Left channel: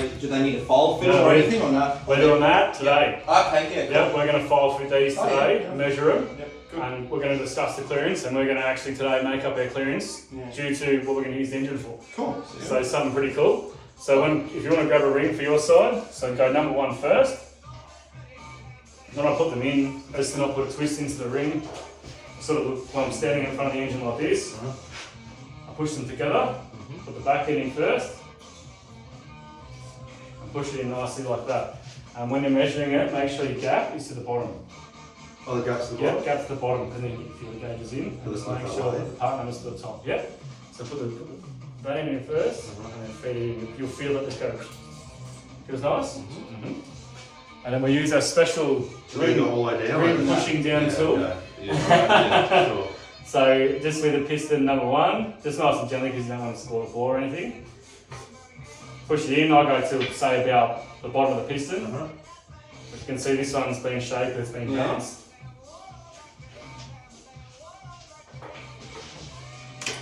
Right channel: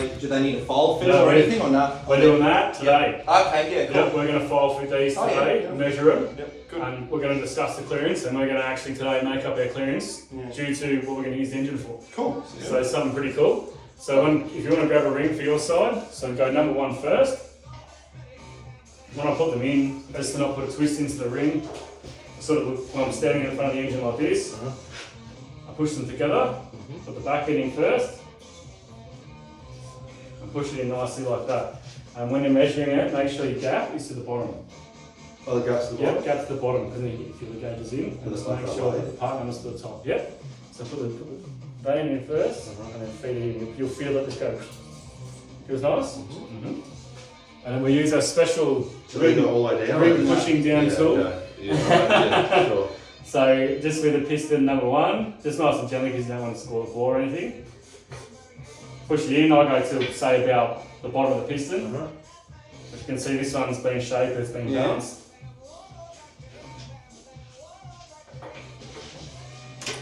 Do they need a file fit No, or anything or not? We're doing that today. Okay, yeah, cool. Yep, we're going to file fit these today, yeah. measure them, Yep, good. and we're going to discuss the clearance, and we're going to actually today make up our clearance due to what we're going to use the engine for. Cool. So it's something pretty cool. So if you want to grab a ring for your side, so go number 1 first. When I put them in, best to not put a twist into the ring. Sort of when I'm standing in front of the engine like this, I push them together, put the back end in first, and push it in nicely like that. And when you're measuring it, make sure your gap is to the bottom. Oh, the gap's to the bottom? Yep, gap to the bottom, and then you get your gauges in, and just make sure that the part number's to the top. Yep. So put the vein in first, and then feed it in. You'll feel it just go. Feels nice? And then we use our special ring all the way down. ring pushing down tool. Yeah, sure. So just with the piston number 1, just nice and gently because you don't want to score the floor or anything. Push it in, I go to say about the bottom of the piston. But you can see this one's been shaped, it's been balanced.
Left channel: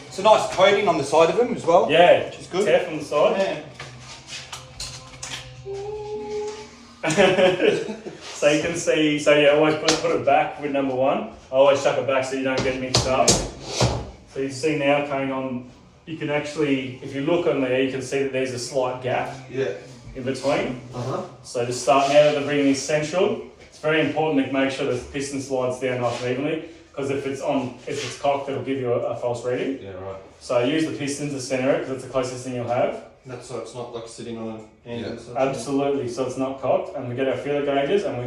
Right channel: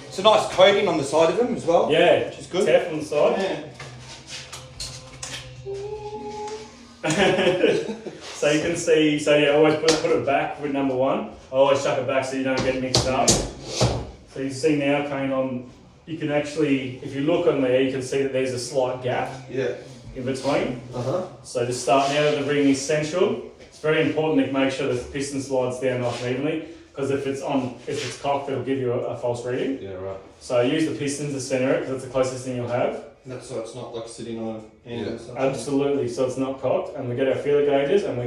It's a nice coating on the side of them as well. Yeah, which is good. Tap on the side. So you can see, so yeah, always put it back with number 1. I always chuck it back so you don't get mixed up. So you see now coming on, you can actually, if you look on there, you can see that there's a slight gap in between. So to start now that the ring is central, it's very important to make sure the piston slides down nice and evenly, because if it's cocked, it'll give you a false reading. Yeah, right. So use the piston to center it, because it's the closest thing you'll have. That's so it's not like sitting on an end and stuff. Absolutely, so it's not cocked, and we get our feeler gauges, and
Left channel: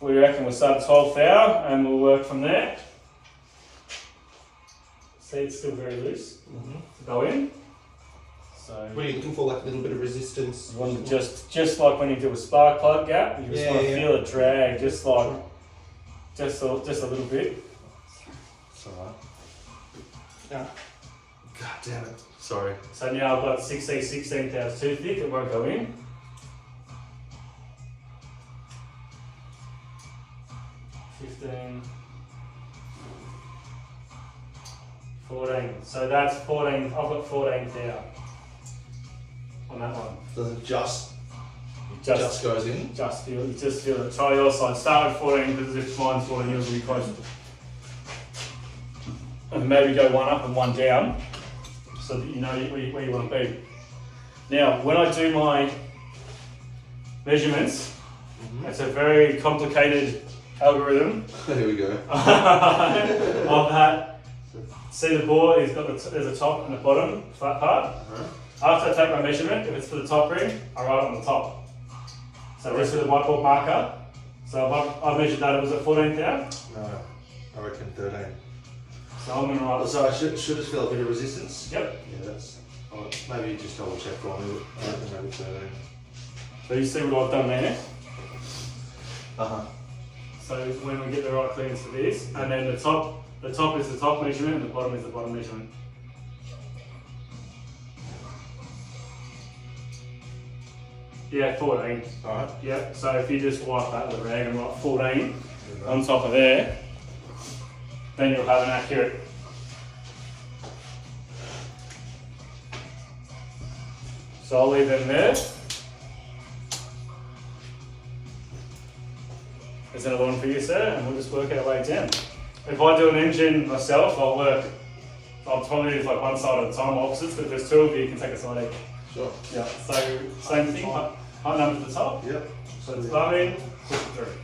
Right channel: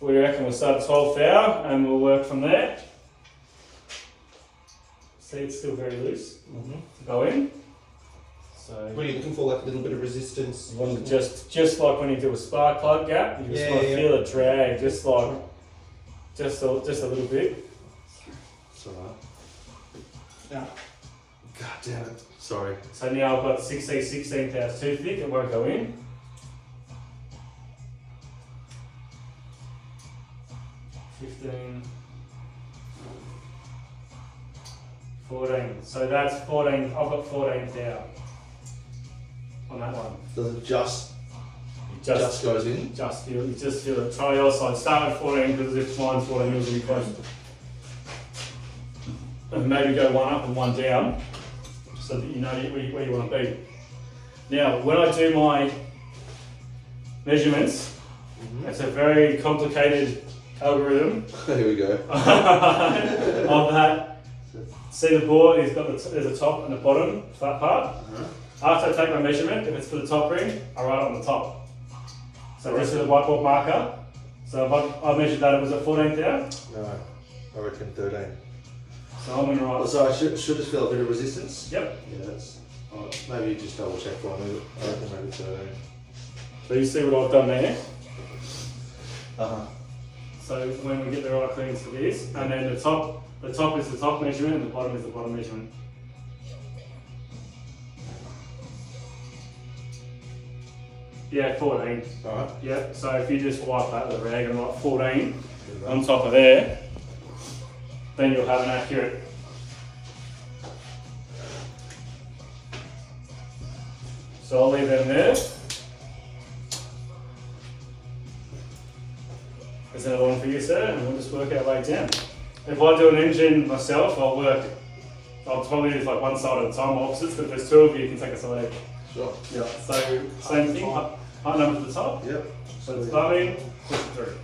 we reckon we'll start at 12th hour, and we'll work from there. See, it's still very loose. Go in. So What are you looking for? Like a little bit of resistance? you want to just like when you do a spark plug gap, you just want to feel it drag, just a little bit. It's alright. Yeah. God damn it. Sorry. So now I've got 16 pounds too thick, it won't go in. 15, 14. So that's 14. I've got 14 thou on that one. Does it just Just goes in? Just feel it. Try your side. Start with 14 because if mine's 14, yours will be closer. And maybe go one up and one down so that you know where you want to be. Now, when I do my measurements, it's a very complicated algorithm. There we go. Of that. See the board, there's a top and a bottom flat part. After I take my measurement, if it's for the top ring, I write it on the top. So this is a whiteboard marker. So if I measured that, it was at 14 thou. No, I reckon 13. So I'm going to write. So I should just feel a bit of resistance? Yep. Yeah, that's. Maybe just double check for me. I reckon maybe 13. So you see what I've done there. Uh-huh. So when we get the right clearance for this, and then the top is the top measurement and the bottom is the bottom measurement. Yeah, 14. Alright. Yep, so if you just wipe that with a rag and write 14 on top of there, then you'll have an accurate. So I'll leave them there. There's another one for you, sir, and we'll just work our way down. If I do an engine myself, I'll probably do like one side at a time, opposites, but if there's 2 of you, you can take us away. Sure. Yeah, so same thing, height number to the top. Yep. So it's bum in, push it through.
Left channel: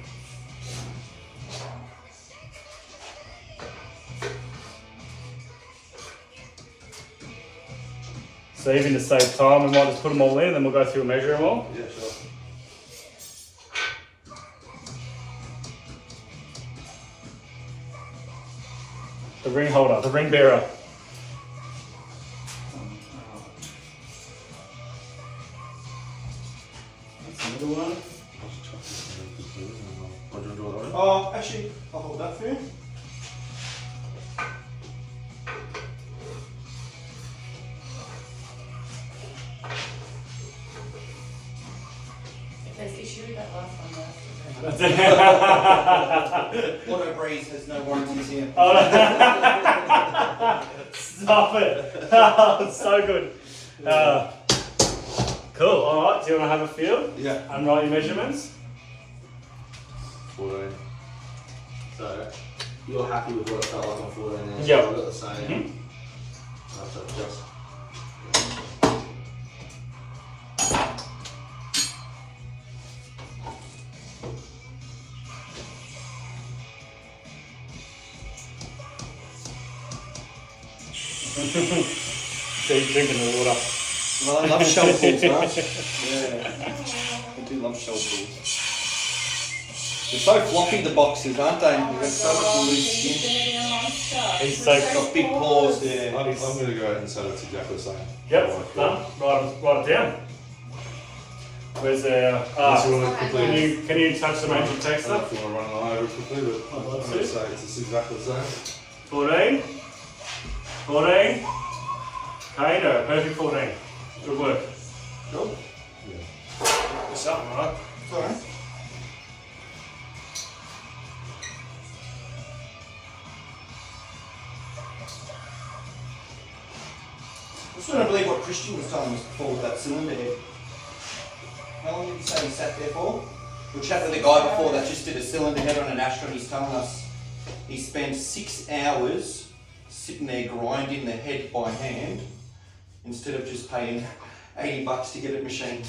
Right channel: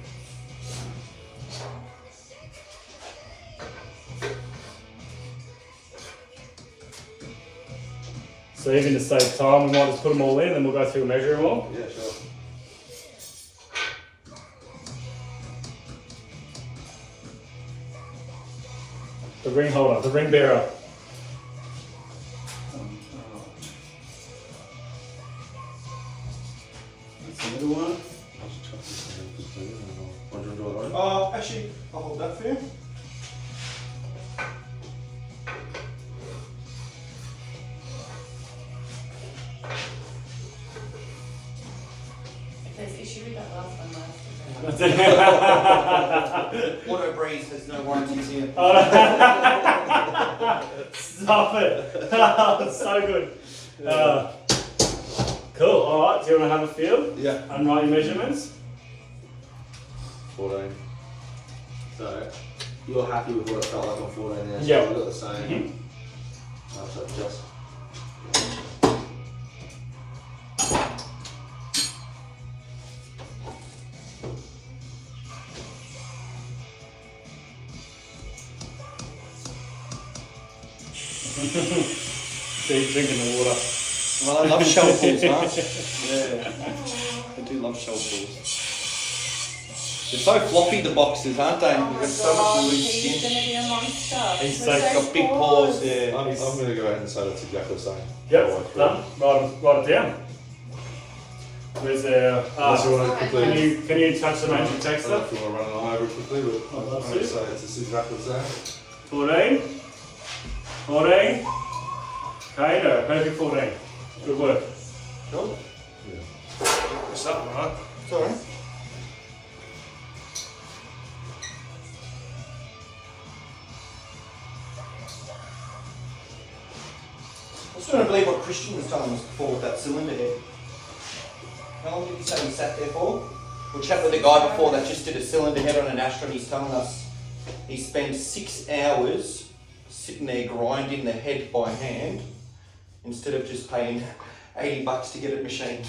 So even to save time, we might just put them all in, then we'll go through and measure them all. Yeah, sure. The ring holder, the ring bearer. That's another one. Actually, I'll hold that for you. If there's issue with that last one, Auto Breeze has no warranties here. Oh, no. Stop it. Oh, it's so good. Cool. All right. Do you want to have a feel Yeah. and write your measurements? 14. So, you're happy with what it felt like on 14 there? So Yep. we've got the same. Mm-hmm. I'll have to adjust. Keep drinking the water. Well, I love shell pools, right? Yeah. I do love shell pools. They're so floppy, the boxes, aren't they? You've got so much loose skin. He's so Got big paws, yeah. I'm going to go ahead and say that's exactly the same. Yep. Done. Write it down. Where's our? Unless you want to quickly. Can you touch the magic I text don't know up? if you want to run it over quickly, but I'm going to say it's exactly the same. 14. 14. Okay, no, perfect 14. Good work. Cool. Yeah. What's up, Mark? Sorry. I just don't believe what Christian was telling us before with that cylinder head. How long did you say he sat there for? We chatted with a guy before that just did a cylinder head on an Astra, and he's telling us he spent 6 hours sitting there grinding the head by hand instead of just paying $80 to get it machined.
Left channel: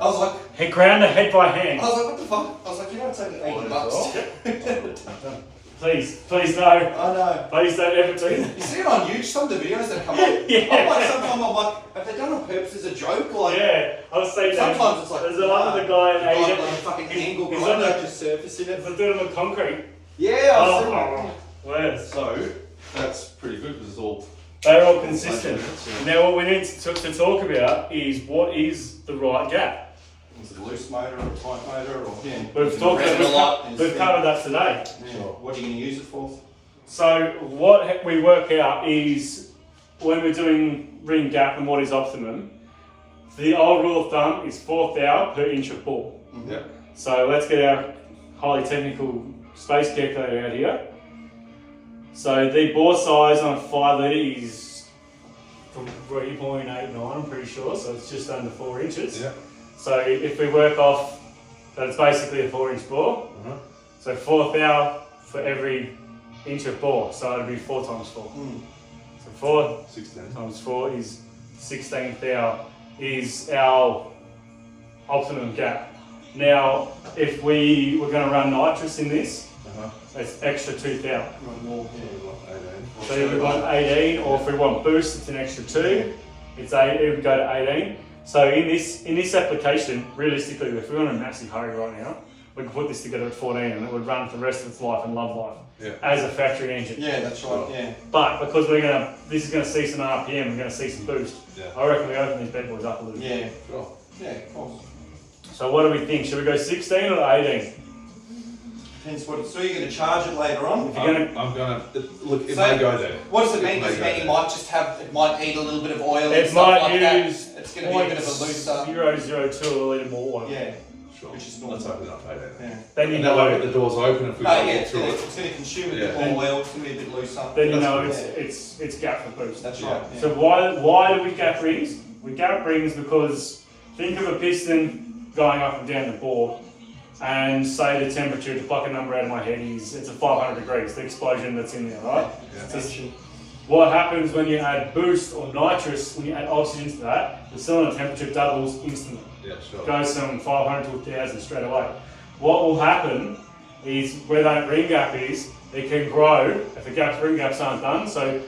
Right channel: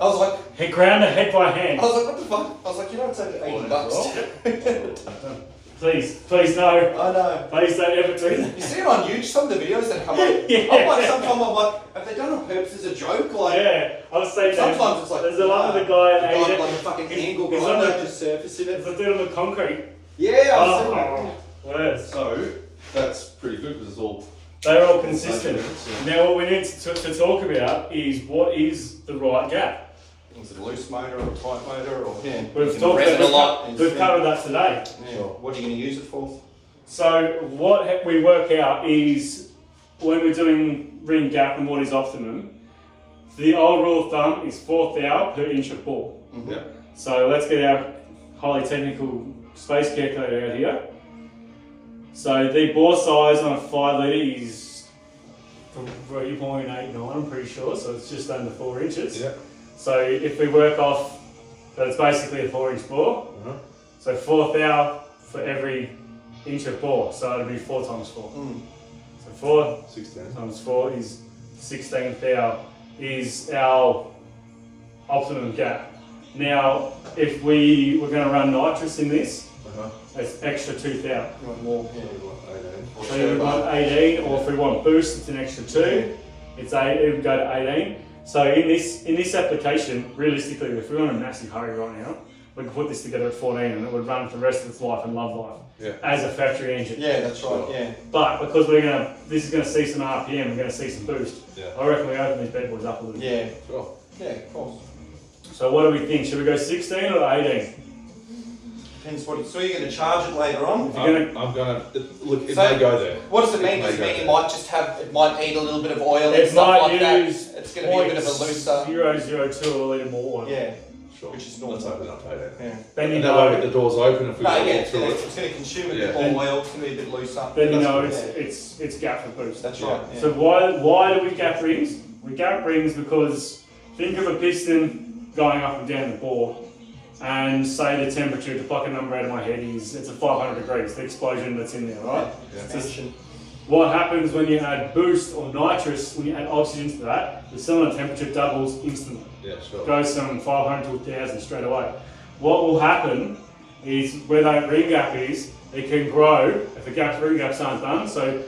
I was like, He ground the head by hand. I was like, what the fuck? I was like, you know, it's only $80. Please no. I know. Please don't ever do that. You see it on YouTube, some of the videos that come up. Yeah. I'm like, sometimes I'm like, have they done it on purpose as a joke? Like, Yeah, I was saying that. sometimes it's like, There's a lot of the guy at got Asia. like a fucking angle He's grinder on the- just surfacing it. If I do it on the concrete. Yeah, I've seen that. Worse. So, that's pretty good because it's all. They're all consistent. Yeah. Now, what we need to talk about is what is the right gap. Is it a loose motor or a tight motor or yeah? We've talked Rev it a lot. about, we've covered that today. Yeah. What are you going to use it for? So what we work out is when we're doing ring gap and what is optimum, the old rule of thumb is 4th thou per inch of bore. Mm-hmm. Yeah. So let's get our highly technical space calculator out here. So the bore size on a 5 litre is 3.89, I'm pretty sure, so it's just under 4 inches. Yeah. So if we work off, that's basically a 4-inch bore. So 4th thou for every inch of bore, so it'd be 4 times 4. So 4 16. times 4 is 16th thou is our optimum gap. Now, if we were going to run nitrous in this, it's extra 2 thou. You want more? Yeah. 18. So if we want 18, or if we want boost, it's an extra 2. It's 8. It would go to 18. So in this application, realistically, if we're in a massive hurry right now, we could put this together at 14 and it would run for the rest of its life and love life as a factory engine. Yeah, that's right. Yeah. But because this is going to see some RPM, we're going to see some boost. Yeah. I reckon we open these bad boys up a little bit. Yeah. Sure. Yeah, of course. So what do we think? Should we go 16 or 18? Depends what. So you're going to charge it later on. If you're going to, I'm going to. Look, it So, may go there. What does it mean? Does it mean it might just have? It might need a little bit of oil and it stuff might like that. use It's going to be a bit of a looser. 0.002 a litre more. Yeah. Sure. Which is normal. Let's open it up 18. Yeah. Then you And that way, with know. the doors open, if we No, go yeah, walk through it. it's going to consume a Yeah. bit more oil. It's going to be a bit looser. Then you That's know good. it's gap for boost. That's Yeah. right. Yeah. So why do we gap rings? We gap rings because think of a piston going up and down the bore, and say the temperature, to pluck a number out of my head, it's at 500 degrees, the explosion that's in there, right? Yeah. Expansion. What happens when you add boost or nitrous, when you add oxygen to that, the cylinder temperature doubles instantly. Yeah, sure. Goes from 500 to 1000 straight away. What will happen is where that ring gap is, it can grow if the ring gaps aren't done. So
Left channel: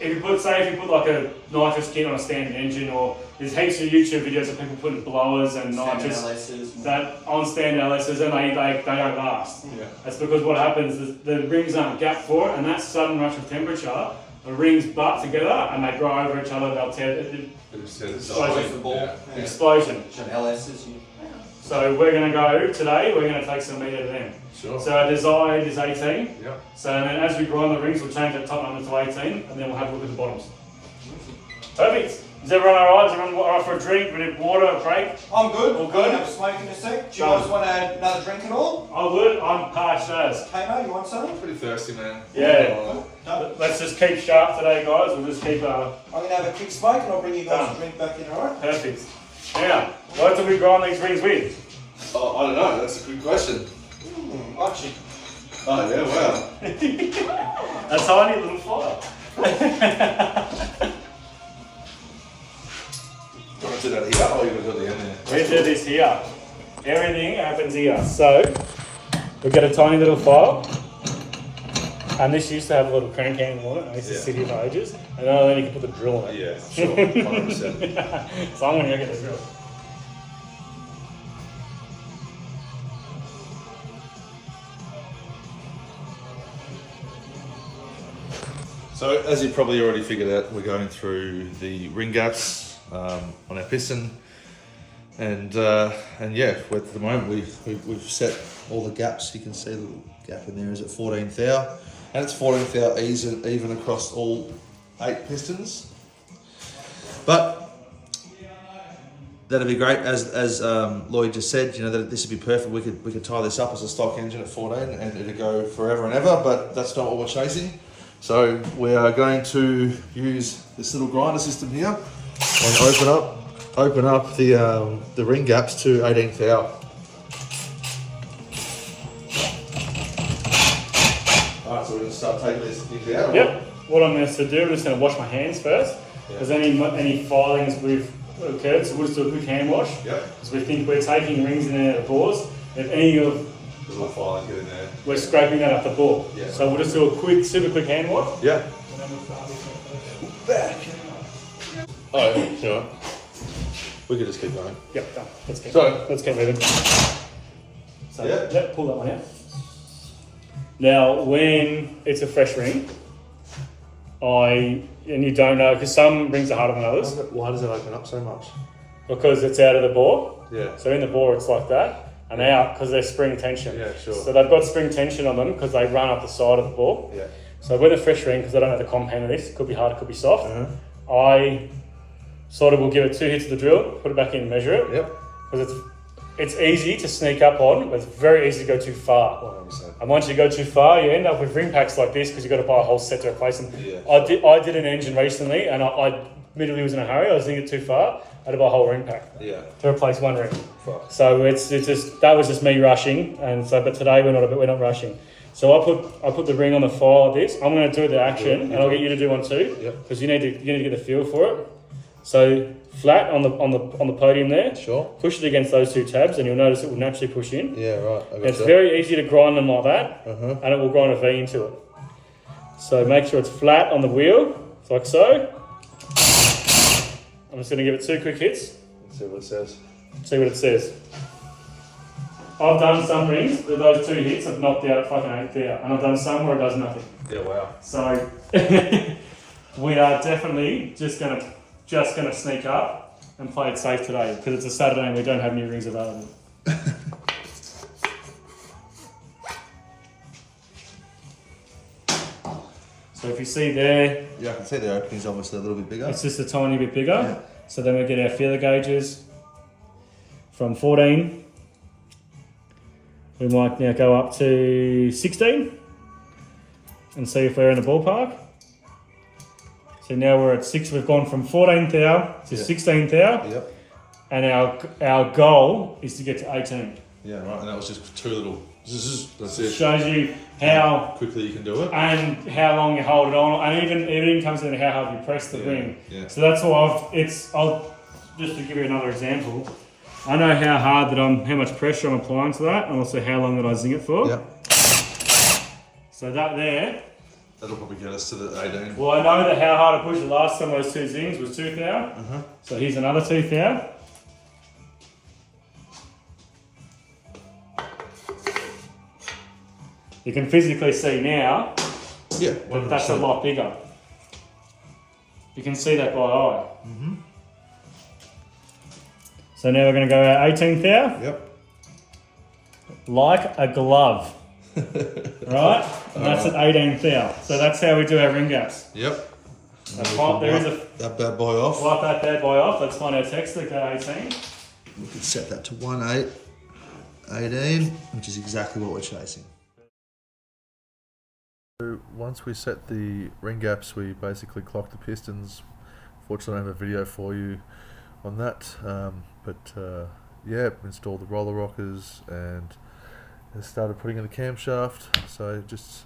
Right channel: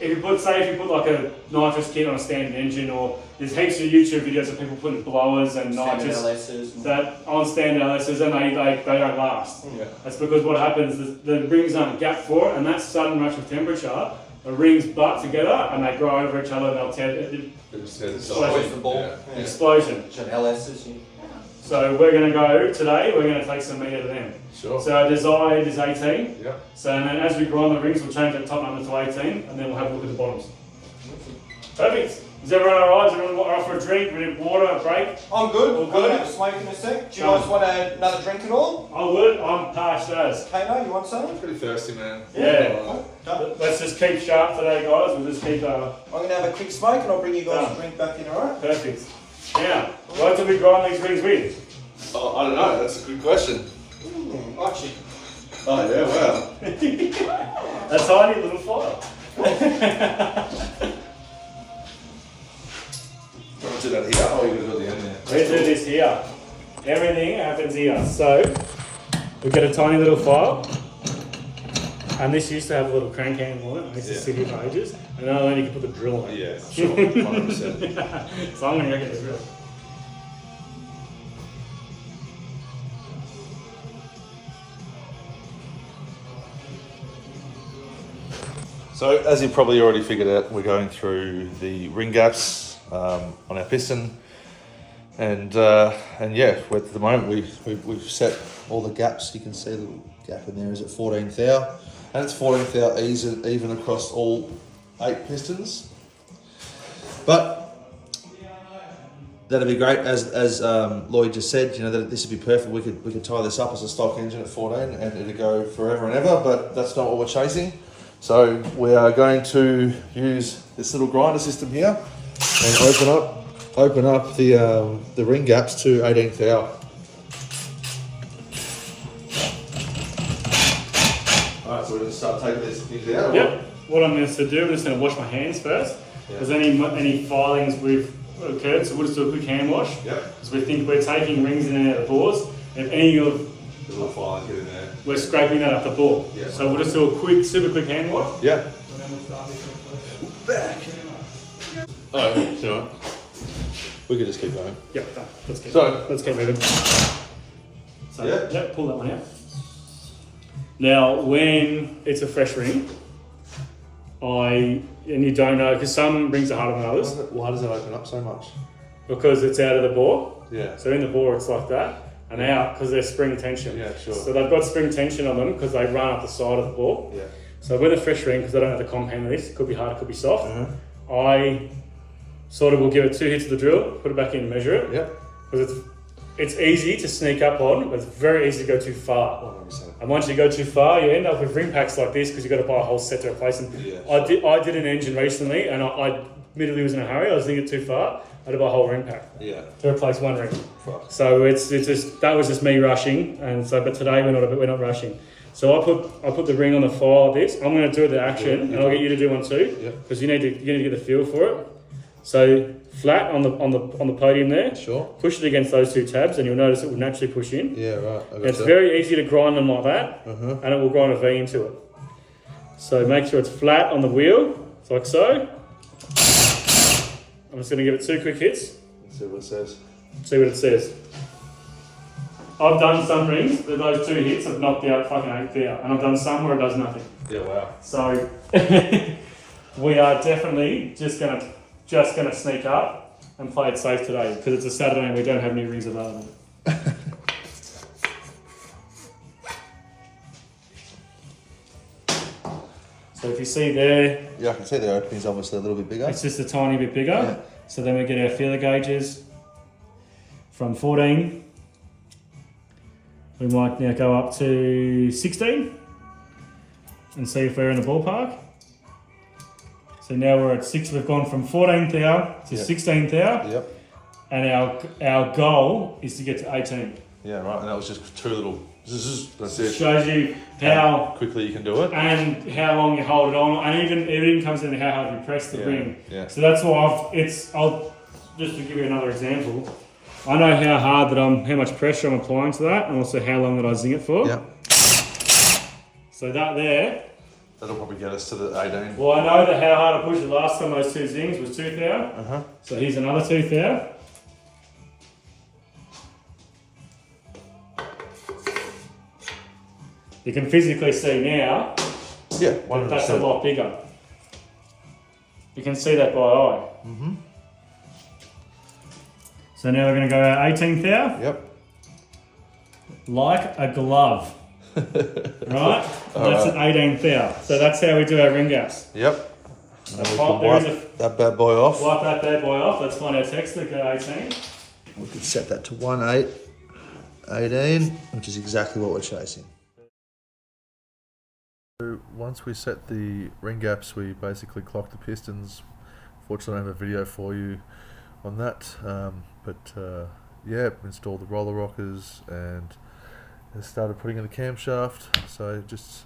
if you put like a nitrous kit on a standard engine, or there's heaps of YouTube videos of people putting blowers and nitrous that on standard LSs, and they don't last. Yeah. That's because what happens is the rings aren't gapped for it, and that sudden rush of temperature, the rings butt together and they grow over each other. They'll tear It just says it's Explosion. The ball. Yeah. Yeah. explosion. Which are LSs. Yeah. So we're going to go today. We're going to take some meat out of them. Sure. So our desired is 18. Yeah. So and then as we grind the rings, we'll change that top number to 18, and then we'll have a look at the bottoms. Perfect. Is everyone alright? Is everyone alright for a drink? We need water, a break? I'm good. All good? I'm gonna have a smoke in a sec. Do you guys want another drink at all? I would. I'm parched as. Kano, you want some? I'm pretty thirsty, man. Yeah. Done. Let's just keep sharp today, guys. We'll just keep. I'm gonna have a quick smoke and I'll bring you guys Done. a drink back in, alright? Perfect. Now, what do we grind these rings with? Oh, I don't know. That's a good question. Actually, Oh yeah, wow. A tiny little fire. You want to do that here? Oh, you're going to do it at the end there. We do this here. Everything happens here. So, we get a tiny little file. And this used to have a little crank handle on it. I used to sit here for ages. And then you can put the drill on it. Yeah, sure. 100%. So I'm going to go get the drill. So, as you probably already figured out, we're going through the ring gaps on our piston, and yeah, at the moment we've set all the gaps. You can see the little gap in there is at 14 thou, and it's 14 thou even across all 8 pistons. But that'd be great, as Lloyd just said. You know that this would be perfect. We could tie this up as a stock engine at 14, and it'd go forever and ever. But that's not what we're chasing. So we are going to use this little grinder system here and open up the ring gaps to 18 thou. Alright, so we're going to start taking these things out. Yep. What I'm going to do, I'm just going to wash my hands first. Because any filings we've occurred, so we'll just do a quick hand wash. Yep. So we think we're taking rings in and out of bores. If any of The little file get in there. we're scraping that up the bore. Yeah. So we'll just do a super quick hand wash. Yeah. Back. Oh, sure. We could just keep going. Yep, done. Let's keep moving. So Yeah. pull that one out. Now, when it's a fresh ring, and you don't know, because some rings are harder than others, Why does it open up so much? because it's out of the bore. Yeah. So in the bore, it's like that. And out because they're spring tension. Yeah, sure. So they've got spring tension on them because they run up the side of the ball. Yeah. So with a fresh ring, because I don't know the compound of this, it could be hard, it could be soft. Mm-hmm. I sort of will give it 2 hits of the drill, put it back in and measure it. Yep. Because it's easy to sneak up on, but it's very easy to go too far. 100%. And once you go too far, you end up with ring packs like this because you've got to buy a whole set to replace them. Yeah. I did an engine recently and I admittedly was in a hurry. I was doing it too far. I had to buy a whole ring pack Yeah. to replace one ring. Fuck. So it's just that was just me rushing, and so but today we're not rushing. So I put the ring on the file of this. I'm going to do the action, and I'll get you to do one too, Yep. because you need to get the feel for it. So flat on the podium there. Sure. Push it against those 2 tabs, and you'll notice it will naturally push in. Yeah, right. I It's very easy to grind them like that, Uh-huh. and it will grind a V into it. So make sure it's flat on the wheel, like so. I'm just going to give it 2 quick hits. Let's see what it says. See what it says. I've done some rings that those 2 hits have knocked out fucking 8 thou, and I've done some where it does nothing. Yeah, wow. So we are definitely just gonna sneak up and play it safe today because it's a Saturday and we don't have any rings available. So if you see there, Yeah, I can see the opening's obviously a little bit bigger. it's just a tiny bit bigger. Yeah. So then we get our feeler gauges from 14. We might now go up to 16 and see if we're in the ballpark. So now we're at 6. We've gone from 14 thou to 16 thou, Yep. and our goal is to get to 18. Yeah, right. And that was just 2 little. That's it. Shows you how quickly you can do it. and how long you hold it on, and it even comes into how hard you press the Yeah, ring. yeah. So that's why I'll just to give you another example. I know how much pressure I'm applying to that, and also how long that I zing it for. Yep. So that there. That'll probably get us to the 18. Well, I know that how hard I pushed the last time those 2 zings was 2 thou. Uh-huh. So here's another 2 thou. You can physically see now Yeah, that that's a 100%. lot bigger. You can see that by eye. Mm-hmm. So now we're going to go our 18 thou, Yep. like a glove. Right? And that's at 18 thou. So that's how we do our ring gaps. Yep. And we Prop, can there is wipe that bad boy off. Wipe that bad boy off. Let's find our text link at 18. We can set that to 18, which is exactly what we're chasing. So once we set the ring gaps, we basically clocked the pistons. Fortunately, I have a video for you on that. Yeah, installed the roller rockers and started putting in the camshaft. So just,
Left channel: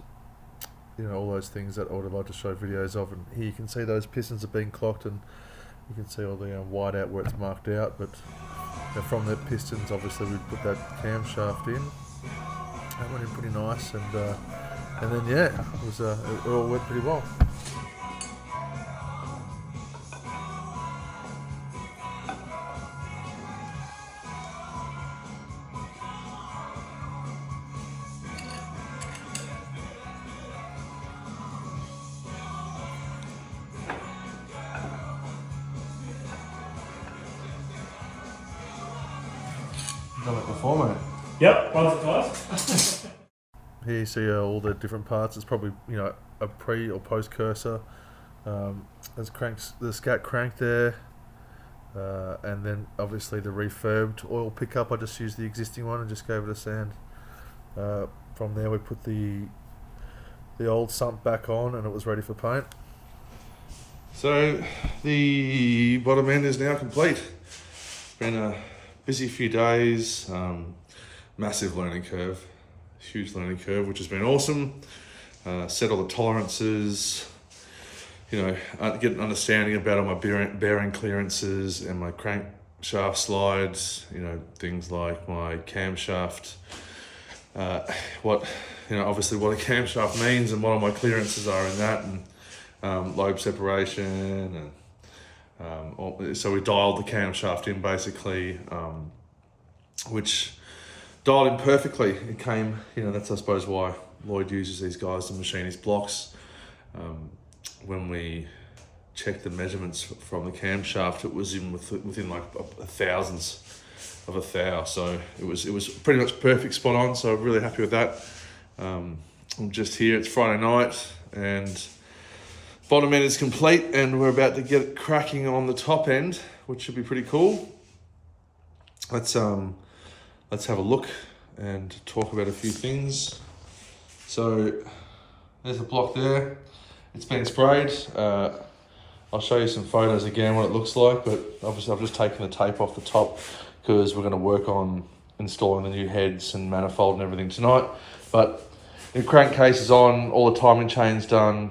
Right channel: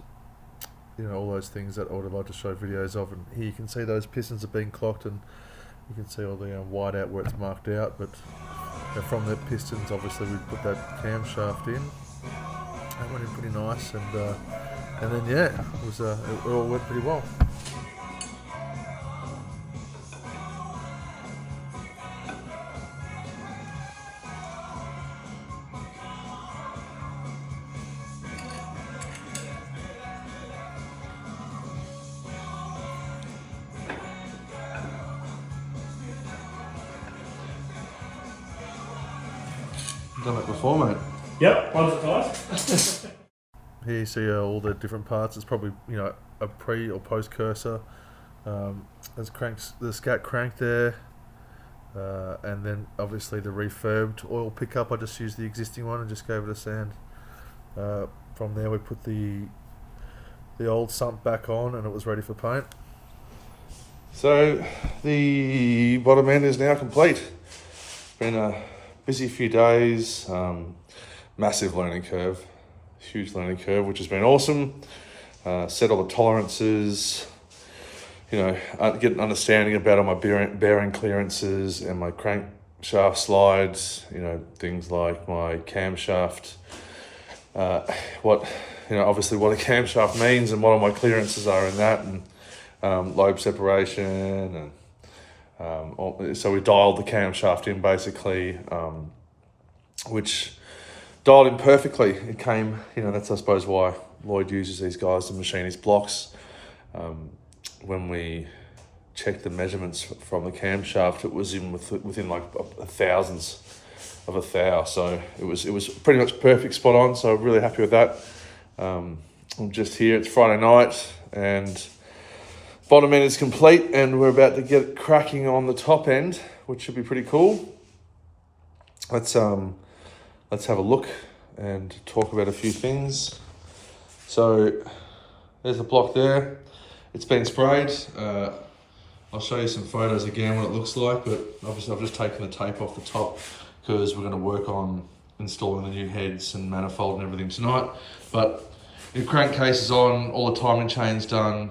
all those things that I would have liked to show videos of. And here you can see those pistons are being clocked, and you can see all the white out where it's marked out. But from the pistons, obviously, we put that camshaft in. That went in pretty nice, and then yeah, it all went pretty well. Done it before, mate. Yep, once or twice. Here you see all the different parts. It's probably a pre or post cursor. There's the scat crank there, and then obviously the refurbed oil pickup. I just used the existing one and just gave it a sand. From there we put the old sump back on, and it was ready for paint. So the bottom end is now complete. It's been a busy few days, massive learning curve, huge learning curve, which has been awesome. Set all the tolerances, get an understanding about all my bearing clearances and my crankshaft slides, things like my camshaft, obviously what a camshaft means and what all my clearances are in that, and lobe separation, and so we dialed the camshaft in basically, which dialed in perfectly. It came, that's I suppose why Lloyd uses these guys to machine his blocks. When we checked the measurements from the camshaft, it was within like a thousandths of a thou. So it was pretty much perfect, spot on. So I'm really happy with that. I'm just here. It's Friday night, and bottom end is complete, and we're about to get cracking on the top end, which should be pretty cool. Let's have a look and talk about a few things. So there's the block there. It's been sprayed. I'll show you some photos again what it looks like, but obviously I've just taken the tape off the top because we're going to work on installing the new heads and manifold and everything tonight. But the crankcase is on, all the timing chain's done.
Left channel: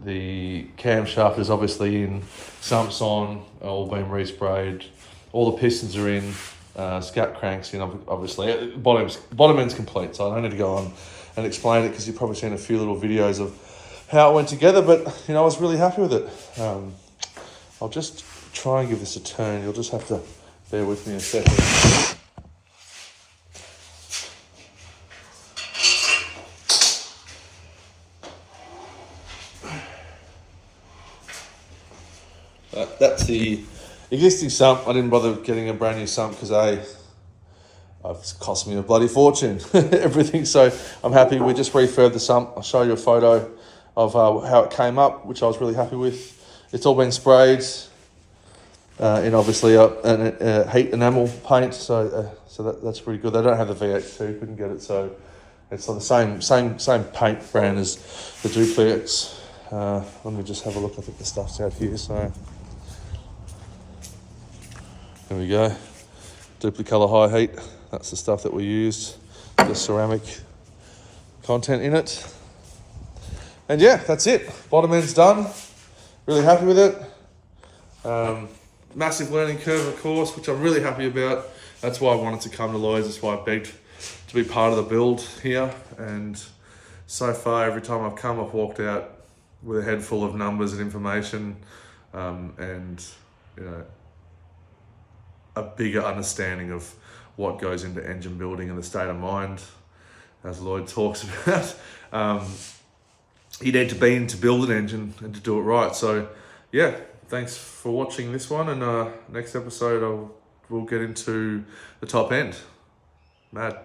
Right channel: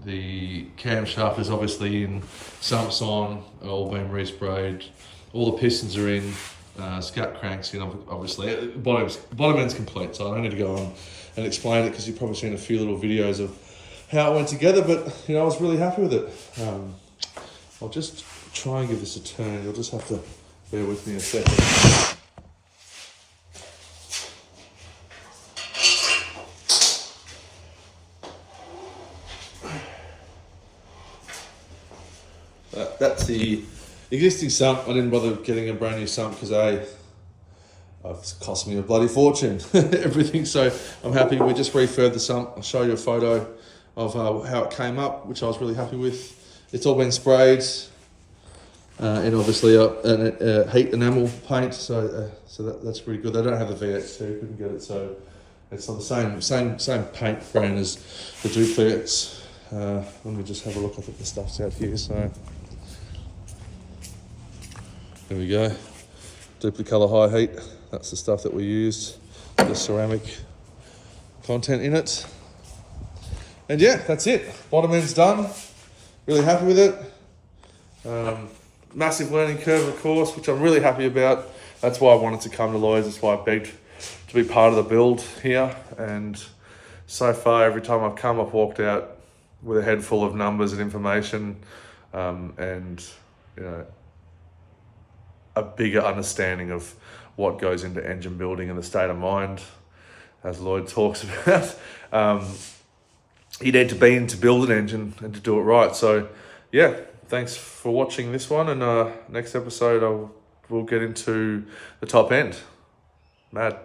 The camshaft is obviously in, sumps on, all been resprayed. All the pistons are in, scat cranks in, obviously. Bottom end's complete, so I don't need to go on and explain it because you've probably seen a few little videos of how it went together, but I was really happy with it. I'll just try and give this a turn. You'll just have to bear with me a second. That's the existing sump. I didn't bother getting a brand new sump because it's cost me a bloody fortune, everything. So I'm happy. We just refurbed the sump. I'll show you a photo of how it came up, which I was really happy with. It's all been sprayed in obviously a heat enamel paint. So that's pretty good. They don't have the VX2, couldn't get it. So it's on the same paint brand as the Duplex. Let me just have a look. I think the stuff's out here. So there we go. Duplicolor high heat. That's the stuff that we used. The ceramic content in it. And yeah, that's it. Bottom end's done. Really happy with it. Massive learning curve, of course, which I'm really happy about. That's why I wanted to come to Lloyd's. That's why I begged to be part of the build here. And so far, every time I've come, I've walked out with a head full of numbers and information, and a bigger understanding of what goes into engine building and the state of mind, as Lloyd talks about. You need to be in to build an engine and to do it right. So yeah, thanks for watching this one, and next episode we'll get into the top end. Mad.